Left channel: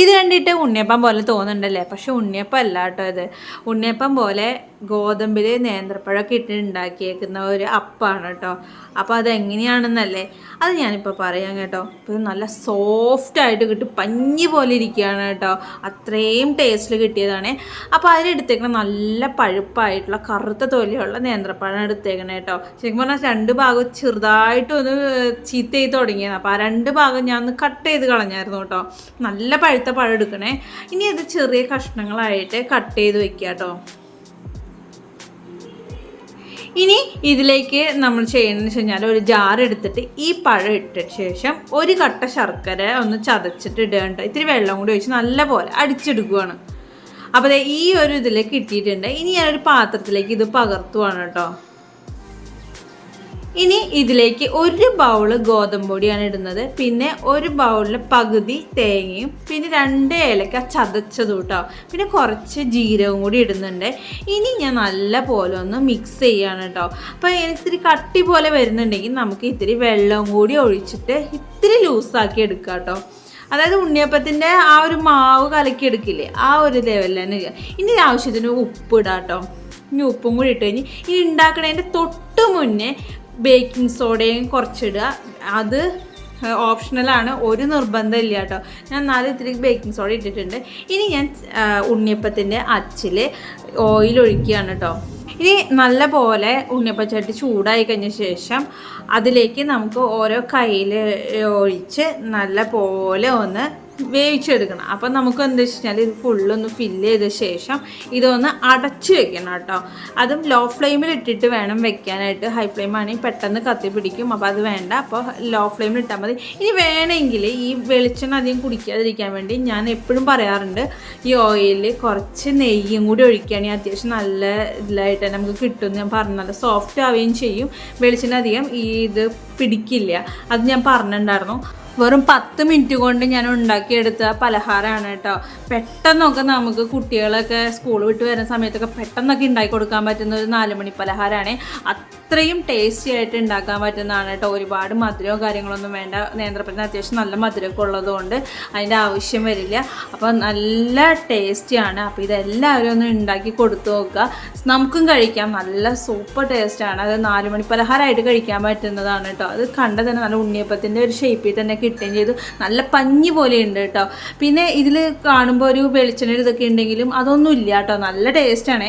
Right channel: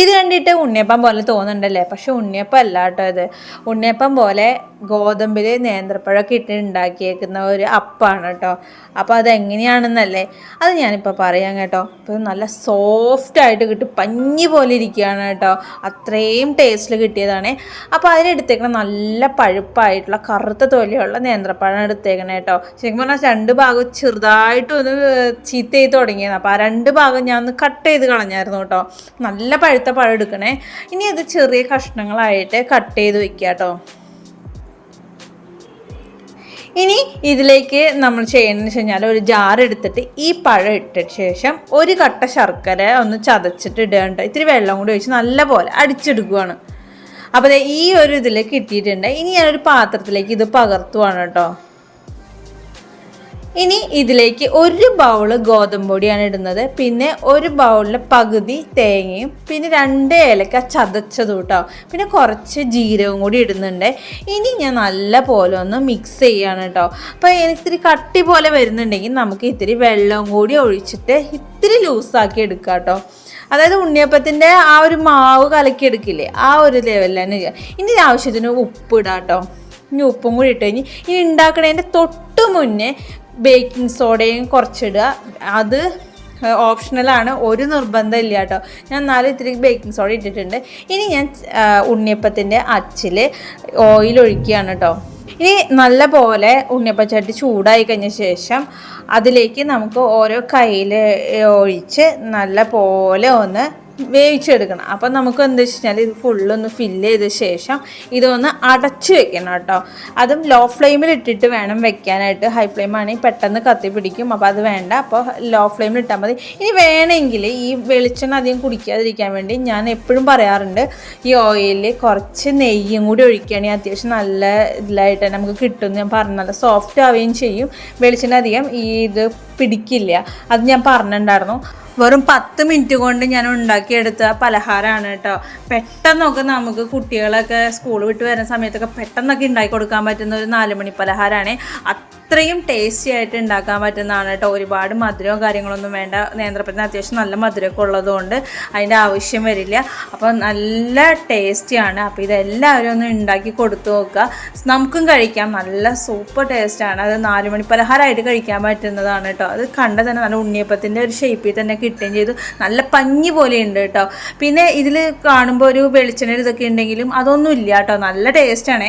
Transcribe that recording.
ഇത് കണ്ടിട്ട് ഉണ്ണിയപ്പം പോലെ തോന്നുന്നുണ്ടല്ലേ, പക്ഷെ ഉണ്ണിയപ്പം അല്ല കേട്ടോ. ഇത് ഉണ്ണിയപ്പം പോലെ ഗോതമ്പിൽ നേന്ത്രപ്പഴമൊക്കെ ഇട്ട് ഉണ്ടാക്കിയേക്കുന്ന ഒരു അപ്പമാണ് കേട്ടോ. അപ്പോൾ അതെങ്ങനെയാണെന്നല്ലേ അത് ഞാനിപ്പോൾ പറയാം കേട്ടോ. ഇപ്പോൾ നല്ല സോഫ്റ്റായിട്ട് കിട്ടും, പഞ്ഞി പോലെ ഇരിക്കുകയാണ് കേട്ടോ. അത്രയും ടേസ്റ്റിൽ കിട്ടിയതാണ്. അപ്പോൾ അതിലെടുത്തേക്കണം നല്ല പഴുപ്പായിട്ടുള്ള കറുത്ത തൊലിയുള്ള നേന്ത്രപ്പഴം എടുത്തേക്കണം കേട്ടോ. ശരിക്കും പറഞ്ഞാൽ രണ്ട് ഭാഗം ചെറുതായിട്ടൊന്ന് ചീത്ത ചെയ്ത് തുടങ്ങിയത്. അപ്പോൾ ആ രണ്ട് ഭാഗം ഞാൻ ഒന്ന് കട്ട് ചെയ്ത് കളഞ്ഞായിരുന്നു കേട്ടോ. നല്ല പഴുത്ത പഴം എടുക്കണേ. ഇനി അത് ചെറിയ കഷ്ണങ്ങളായിട്ട് കട്ട് ചെയ്ത് വെക്കുക കേട്ടോ. ഇനി ഇതിലേക്ക് നമ്മൾ ചെയ്യണമെന്ന് വെച്ച് കഴിഞ്ഞാൽ ഒരു ജാർ എടുത്തിട്ട് ഈ പഴം ഇട്ട ശേഷം ഒരു കട്ട ശർക്കര ഒന്ന് ചതച്ചിട്ട് ഇടുക. ഇത്തിരി വെള്ളം കൂടി ഒഴിച്ച് നല്ല പോലെ അടിച്ചെടുക്കുകയാണ്. അപ്പോൾ ഈ ഒരു ഇതിലേക്ക് ഇട്ടിട്ടുണ്ട്. ഇനി ഞാനൊരു പാത്രത്തിലേക്ക് ഇത് പകർത്തുവാണ് കേട്ടോ. ഇനി ഇതിലേക്ക് ഒരു ബൗള് ഗോതമ്പ് പൊടിയാണ് ഇടുന്നത്. പിന്നെ ഒരു ബൗളിൽ പകുതി തേങ്ങയും പിന്നെ 2 ഏലക്ക ചതച്ചതും കേട്ടോ. പിന്നെ കുറച്ച് ജീരകവും കൂടി ഇടുന്നുണ്ട്. ഇനി ഞാൻ നല്ല പോലെ ഒന്ന് മിക്സ് ചെയ്യാണ് കേട്ടോ. അപ്പോൾ ഇത്തിരി കട്ടി പോലെ വരുന്നുണ്ടെങ്കിൽ നമുക്ക് ഇത്തിരി വെള്ളം കൂടി ഒഴിച്ചിട്ട് ഇത്തിരി ലൂസാക്കി എടുക്കാം കേട്ടോ. അതായത് ഉണ്ണിയപ്പത്തിൻ്റെ ആ ഒരു മാവ് കലക്കി എടുക്കില്ലേ, ആ ഒരു ലെവലിൽ തന്നെ. ഇനി ആവശ്യത്തിന് ഉപ്പ് ഇടാം കേട്ടോ. ഇനി ഉപ്പും കൂടി ഇട്ട് കഴിഞ്ഞ് ഇനി ഉണ്ടാക്കണതിൻ്റെ തൊട്ട് മുന്നേ ബേക്കിംഗ് സോഡയും കുറച്ചിടുക. അത് ഓപ്ഷണലാണ്, ഒരു നിർബന്ധം ഇല്ല കേട്ടോ. ഞാൻ 4 ഇത്തിരി ബേക്കിംഗ് സോഡ ഇട്ടിട്ടുണ്ട്. ഇനി ഞാൻ ഉണ്ണിയപ്പത്തിൻ്റെ അച്ചിൽ ഓയിൽ ഒഴിക്കുകയാണ് കേട്ടോ. ഇനി നല്ല പോലെ ഉണ്ണിയപ്പച്ചട്ടി ചൂടായി കഴിഞ്ഞ ശേഷം അതിലേക്ക് നമുക്ക് ഓരോ കയ്യിൽ ഒഴിച്ച് നല്ല പോലെ ഒന്ന് വേവിച്ചെടുക്കണം. അപ്പം നമുക്ക് എന്താ വെച്ച് കഴിഞ്ഞാൽ ഇത് ഫുള്ളൊന്ന് ഫില്ല് ചെയ്ത ശേഷം ഇതൊന്ന് അടച്ച് വെക്കണം കേട്ടോ. അതും ലോ ഫ്ലെയിമിൽ ഇട്ടിട്ട് വേണം വെക്കാനായിട്ട്. ഹൈ ഫ്ലെയിം ആണെങ്കിൽ പെട്ടെന്ന് കത്തി പിടിക്കും. അപ്പോൾ അത് വേണ്ട. അപ്പോൾ ലോ ഫ്ലെയിമിൽ ഇട്ടാൽ മതി. ഇനി വേണമെങ്കിൽ ഈ വെളിച്ചെണ്ണ അധികം കുടിക്കാതിരിക്കാൻ വേണ്ടി ഞാൻ എപ്പോഴും പറയാറുണ്ട്, ഈ ഓയിലിൽ കുറച്ച് നെയ്യും കൂടി ഒഴിക്കുകയാണെങ്കിൽ അത്യാവശ്യം നല്ല ഇതിലായിട്ട് നമുക്ക് കിട്ടും. ഞാൻ പറഞ്ഞത് സോഫ്റ്റ് ആവുകയും ചെയ്യും. വെളിച്ചെണ്ണ അധികം ഇത് പിടിക്കില്ല. അത് ഞാൻ പറഞ്ഞിട്ടുണ്ടായിരുന്നു. വെറും 10 മിനിറ്റ് കൊണ്ട് ഞാൻ ഉണ്ടാക്കിയെടുത്ത പലഹാരമാണ് കേട്ടോ. പെട്ടെന്നൊക്കെ നമുക്ക് കുട്ടികളൊക്കെ സ്കൂൾ വിട്ട് വരുന്ന സമയത്തൊക്കെ പെട്ടെന്നൊക്കെ ഉണ്ടാക്കി കൊടുക്കാൻ പറ്റുന്ന ഒരു 4 മണി പലഹാരമാണ്. അത്രയും ടേസ്റ്റി ആയിട്ട് ഉണ്ടാക്കാൻ പറ്റുന്നതാണ് കേട്ടോ. ഒരുപാട് മധുരമോ കാര്യങ്ങളൊന്നും വേണ്ട. നേന്ത്രപ്പഴത്തിന് അത്യാവശ്യം നല്ല മധുരമൊക്കെ ഉള്ളതുകൊണ്ട് അതിൻ്റെ ആവശ്യം വരില്ല. അപ്പോൾ നല്ല ടേസ്റ്റിയാണ്. അപ്പോൾ ഇതെല്ലാവരും ഒന്ന് ഉണ്ടാക്കി കൊടുത്തു നോക്കുക. നമുക്കും കഴിക്കാം. നല്ല സൂപ്പർ ടേസ്റ്റാണ്. അത് 4 മണി പലഹാരമായിട്ട് കഴിക്കാൻ പറ്റുന്നതാണ് കേട്ടോ. അത് കണ്ട തന്നെ നല്ല ഉണ്ണിയപ്പത്തിൻ്റെ ഒരു ഷേപ്പിൽ തന്നെ കിട്ടുകയും ചെയ്തു. നല്ല പഞ്ഞി പോലെ ഉണ്ട് കേട്ടോ. പിന്നെ ഇതിൽ കാണുമ്പോൾ ഒരു വെളിച്ചെണ്ണ ഇതൊക്കെ ഉണ്ടെങ്കിലും അതൊന്നും ഇല്ല കേട്ടോ. നല്ല ടേസ്റ്റാണ്.